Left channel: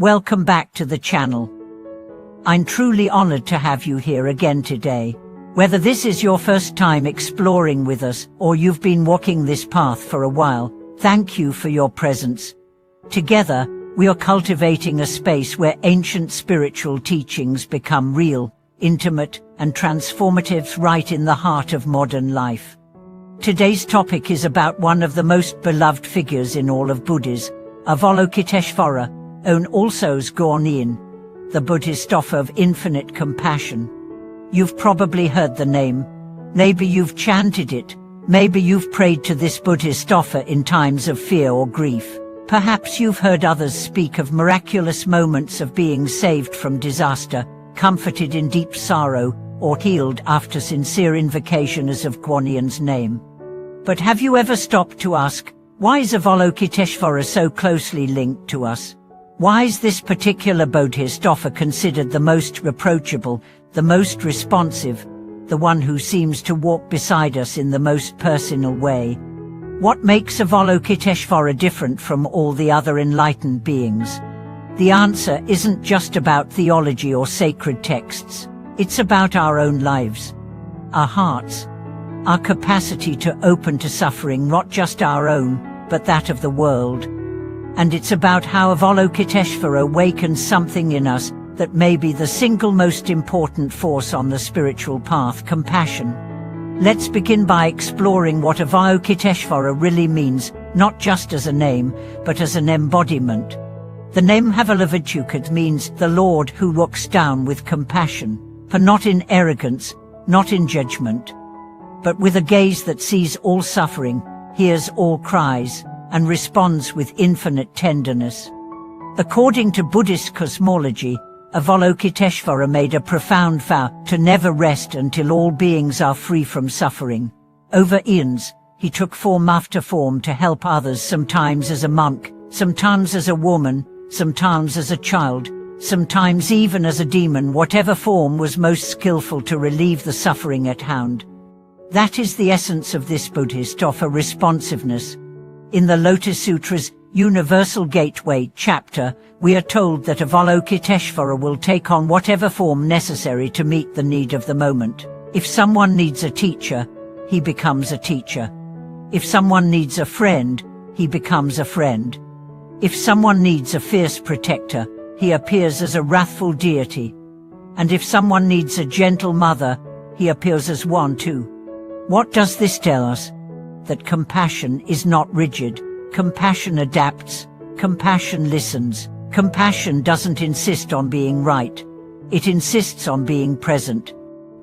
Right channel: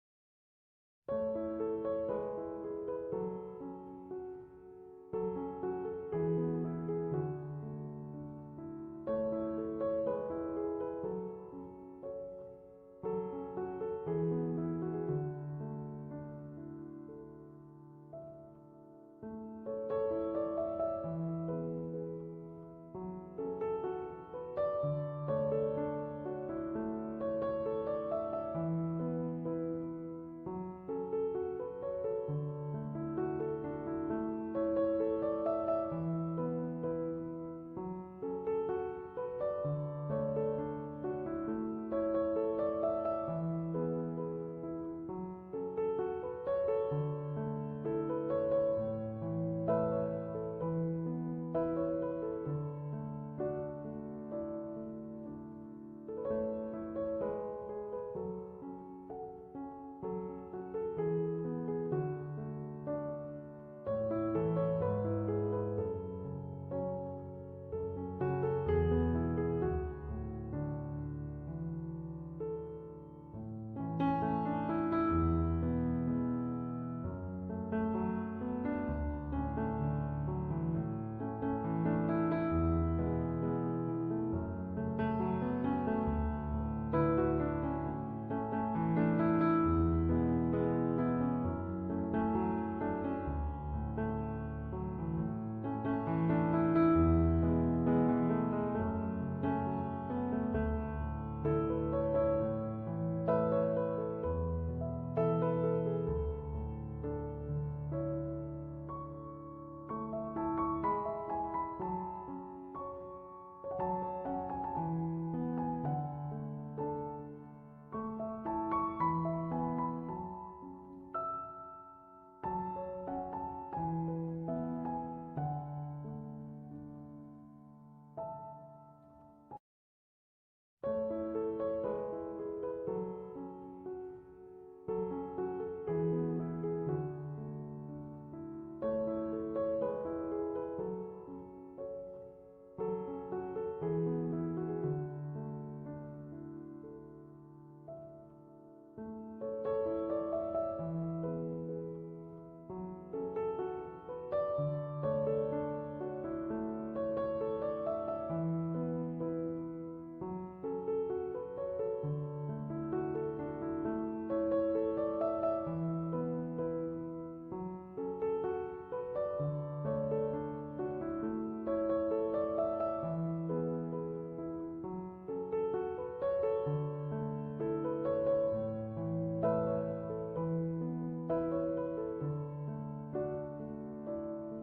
Welcome back to the channel. I'm truly honored to have you here again today. Whether this is your first time exploring with us or you've been walking this path for a while, thank you for your presence. Together, we are cultivating a space where ancient spiritual teachings become real, intimate, and transformative right in the heart of modern life. Today's topic is about one of the most beloved figures in all of Buddhism, Avalokiteshvara, also as Guanyin, the Buddhist offer of infinite compassion. You've probably heard the name. Maybe you've chanted it. Maybe you've prayed to this Buddhist offer in times of fear or grief. Perhaps you've heard others speak of miraculous moments of being saved from disaster, comforted in deep sorrow, or healed after sincere invocations of Guanyin's name. But have you ever stopped to ask, why is Avalokiteshvara so closely linked to us? Why is this particular Buddhist offer considered the most approachable, the most responsive, the one who seems to walk beside us in the most personal way? What makes Avalokiteshvara different from all the other enlightened beings? The answer isn't just about theology or sacred texts. It's about our own lives, our hearts, our capacity to open to suffering, not just our own, but that of the world. And it's about how Avalokiteshvara awakens something in us that may be the single most important force on the spiritual path: compassion. Let's begin by exploring what Avalokiteshvara really means, not just as a name, but as an embodiment. The name Avalokiteshvara means the Lord who looks down with compassion, for not in arrogance, not in judgment, but with a gaze that sees all suffering, hears all cries, and responds with infinite tenderness. According to Buddhist cosmology, Avalokiteshvara made a profound vow to never rest until all beings are free from suffering. Over eons, he took form after form to help others, sometimes as a monk, sometimes as a woman, sometimes as a child, sometimes even as a demon. Whatever form was most skillful to relieve the suffering at hand. That is the essence of this Buddhist offer: responsiveness. In the Lotus Sutra's Universal Gateway chapter, we are told that Avalokiteshvara will take on whatever form necessary to meet the need of the moment. If someone needs a teacher, he becomes a teacher. If someone needs a friend, he becomes a friend. If someone needs a fierce protector, he appears as a wrathful deity. And if someone needs a gentle mother, he appears as one too. What does this tell us? That compassion is not rigid. Compassion adapts. Compassion listens. Compassion doesn't insist on being right. It insists on being present.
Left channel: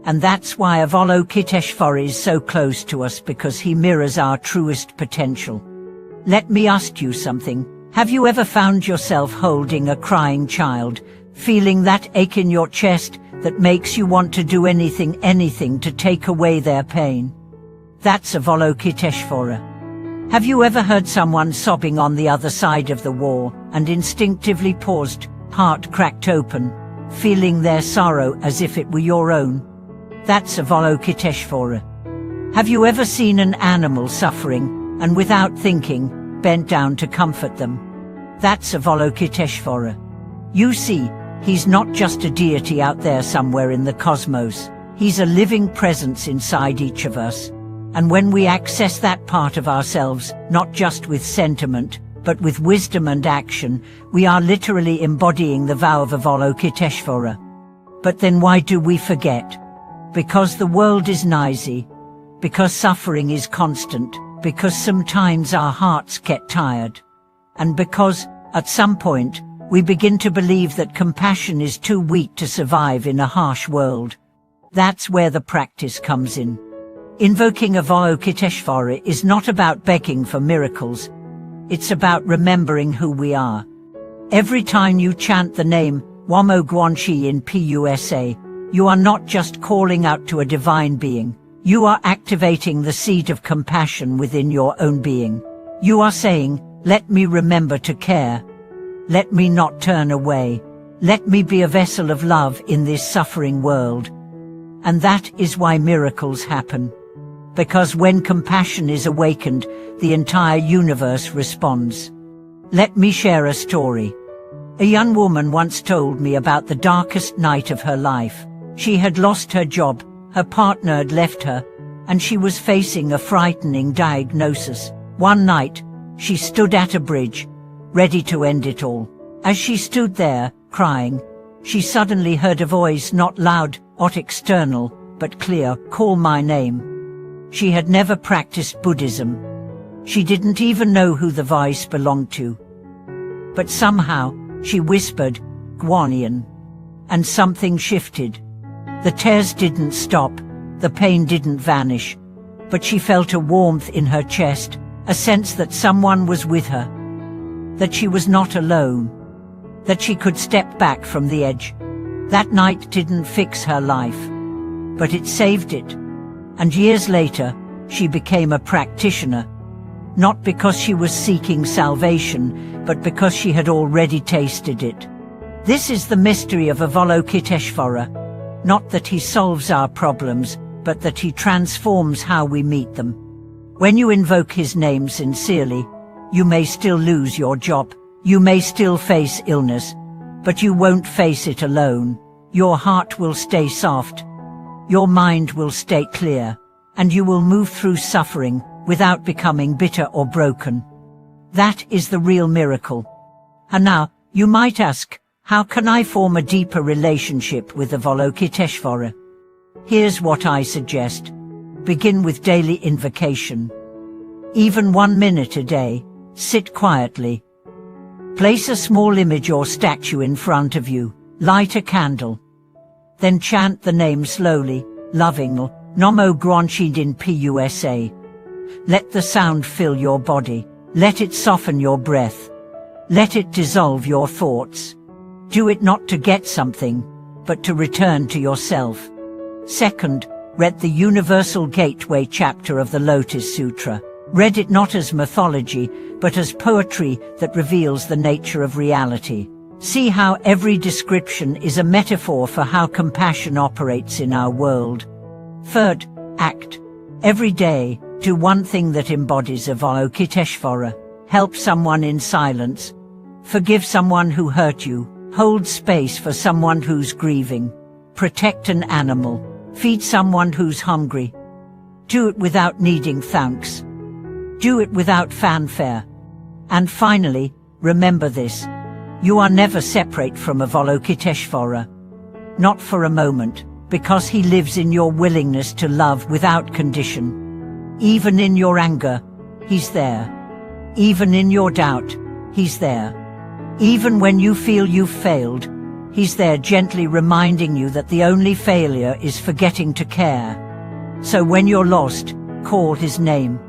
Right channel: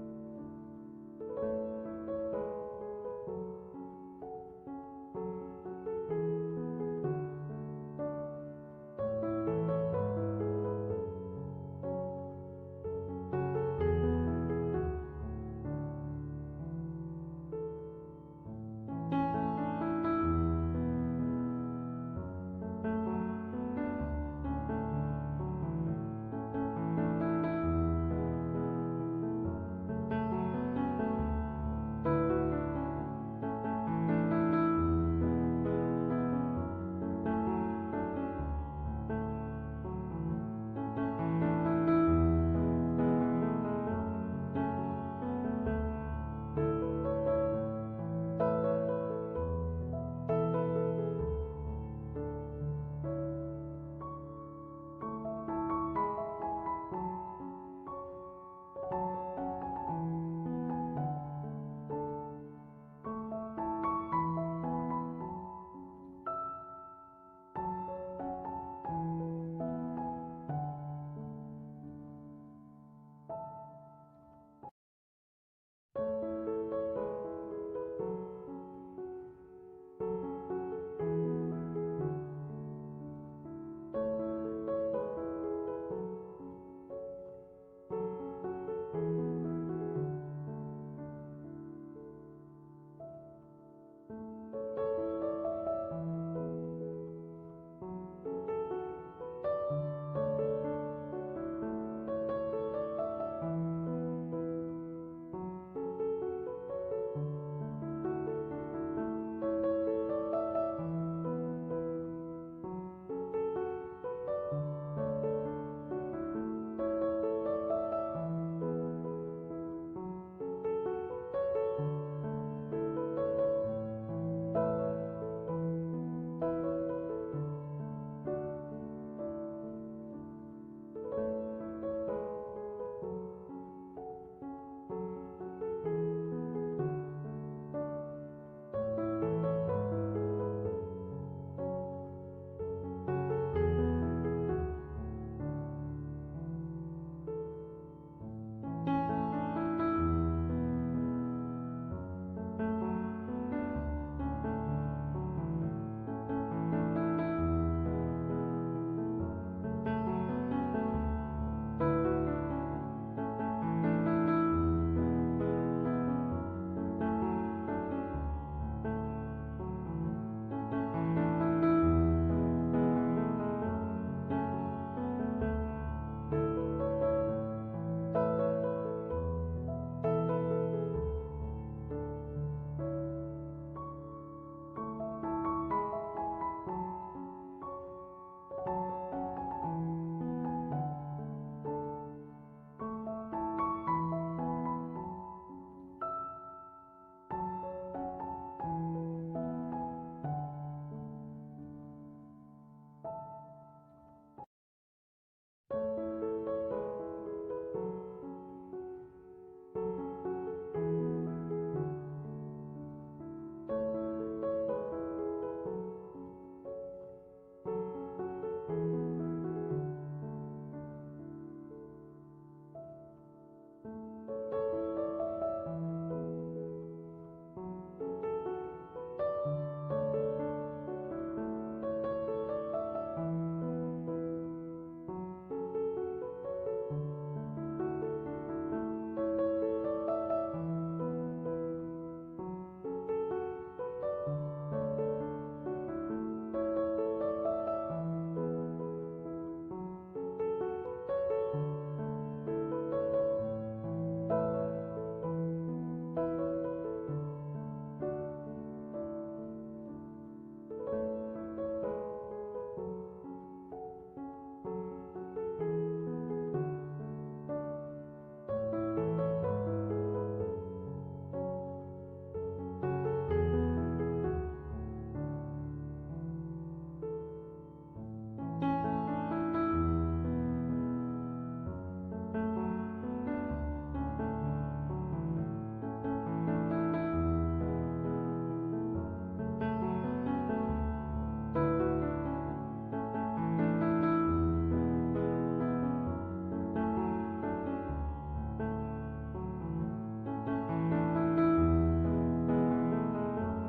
And that's why Avalokiteshvara is so close to us, because he mirrors our truest potential. Let me ask you something. Have you ever found yourself holding a crying child, feeling that ache in your chest that makes you want to do anything to take away their pain? That's Avalokiteshvara. Have you ever heard someone sobbing on the other side of the wall and instinctively paused, heart cracked open, feeling their sorrow as if it were your own? That's Avalokiteshvara. Have you ever seen an animal suffering and without thinking, bent down to comfort them? That's Avalokiteshvara. You see, he's not just a deity out there somewhere in the cosmos. He's a living presence inside each of us. And when we access that part of ourselves, not just with sentiment, but with wisdom and action, we are literally embodying the vow of Avalokiteshvara. But then why do we forget? Because the world is noisy, because suffering is constant, because sometimes our hearts get tired, and because, at some point, we begin to believe that compassion is too weak to survive in a harsh world. That's where the practice comes in. Invoking Avalokiteshvara is not about begging for miracles. It's about remembering who we are. Every time you chant the name Wamo Guanxi in PUSA, you are not just calling out to a divine being. You are activating the seed of compassion within your own being. You are saying, let me remember to care. Let me not turn away. Let me be a vessel of love in this suffering world. And that is why miracles happen. Because when compassion is awakened, the entire universe responds. Let me share a story. A young woman once told me about the darkest night of her life. She had lost her job, her partner had left her, and she was facing a frightening diagnosis. One night, she stood at a bridge, ready to end it all. As she stood there, crying, she suddenly heard a voice, not loud, not external, but clear, "Call my name." She had never practiced Buddhism. She didn't even know who the voice belonged to. But somehow, she whispered, "Guanyin," and something shifted. The tears didn't stop, the pain didn't vanish, but she felt a warmth in her chest, a sense that someone was with her, that she was not alone, that she could step back from the edge. That night didn't fix her life, but it saved it. And years later, she became a practitioner, not because she was seeking salvation, but because she had already tasted it. This is the mystery of Avalokiteshvara, not that he solves our problems, but that he transforms how we meet them. When you invoke his name sincerely, you may still lose your job, you may still face illness, but you won't face it alone. Your heart will stay soft, your mind will stay clear, and you will move through suffering without becoming bitter or broken. That is the real miracle. And now, you might ask, how can I form a deeper relationship with Avalokiteshvara? Here's what I suggest. Begin with daily invocation. Even 1 minute a day, sit quietly. Place a small image or statue in front of you, light a candle. Then chant the name slowly, lovingly, Namo Guanyin Pusa. Let the sound fill your body, let it soften your breath. Let it dissolve your thoughts. Do it not to get something, but to return to yourself. Second, read the Universal Gateway chapter of the Lotus Sutra. Read it not as mythology, but as poetry that reveals the nature of reality. See how every description is a metaphor for how compassion operates in our world. Third, act. Every day, do one thing that embodies Avalokiteshvara. Help someone in silence. Forgive someone who hurt you. Hold space for someone who's grieving. Protect an animal. Feed someone who's hungry. Do it without needing thanks. Do it without fanfare. And finally, remember this. You are never separate from Avalokiteshvara. Not for a moment, because he lives in your willingness to love without condition. Even in your anger, he's there. Even in your doubt, he's there. Even when you feel you've failed, he's there gently reminding you that the only failure is forgetting to care. So when you're lost, call his name.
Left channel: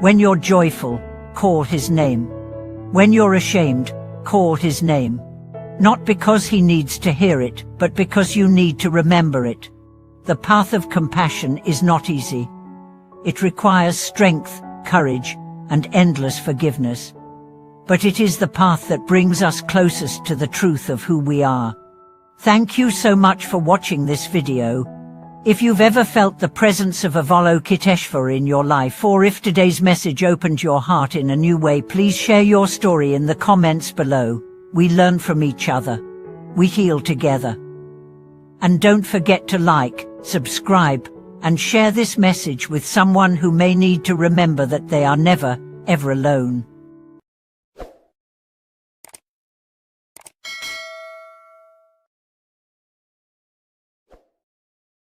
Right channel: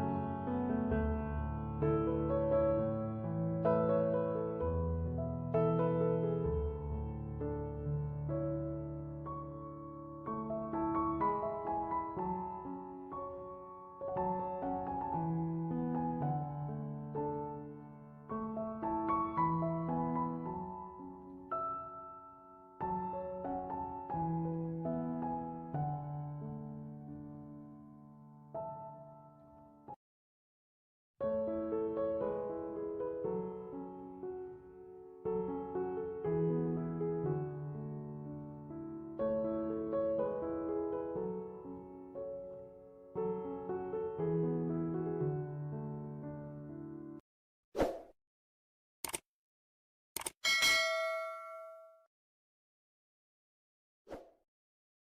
When you're joyful, call his name. When you're ashamed, call his name. Not because he needs to hear it, but because you need to remember it. The path of compassion is not easy. It requires strength, courage, and endless forgiveness. But it is the path that brings us closest to the truth of who we are. Thank you so much for watching this video. If you've ever felt the presence of Avalokiteshvara in your life, or if today's message opened your heart in a new way, please share your story in the comments below. We learn from each other. We heal together. And don't forget to like, subscribe, and share this message with someone who may need to remember that they are never, ever alone.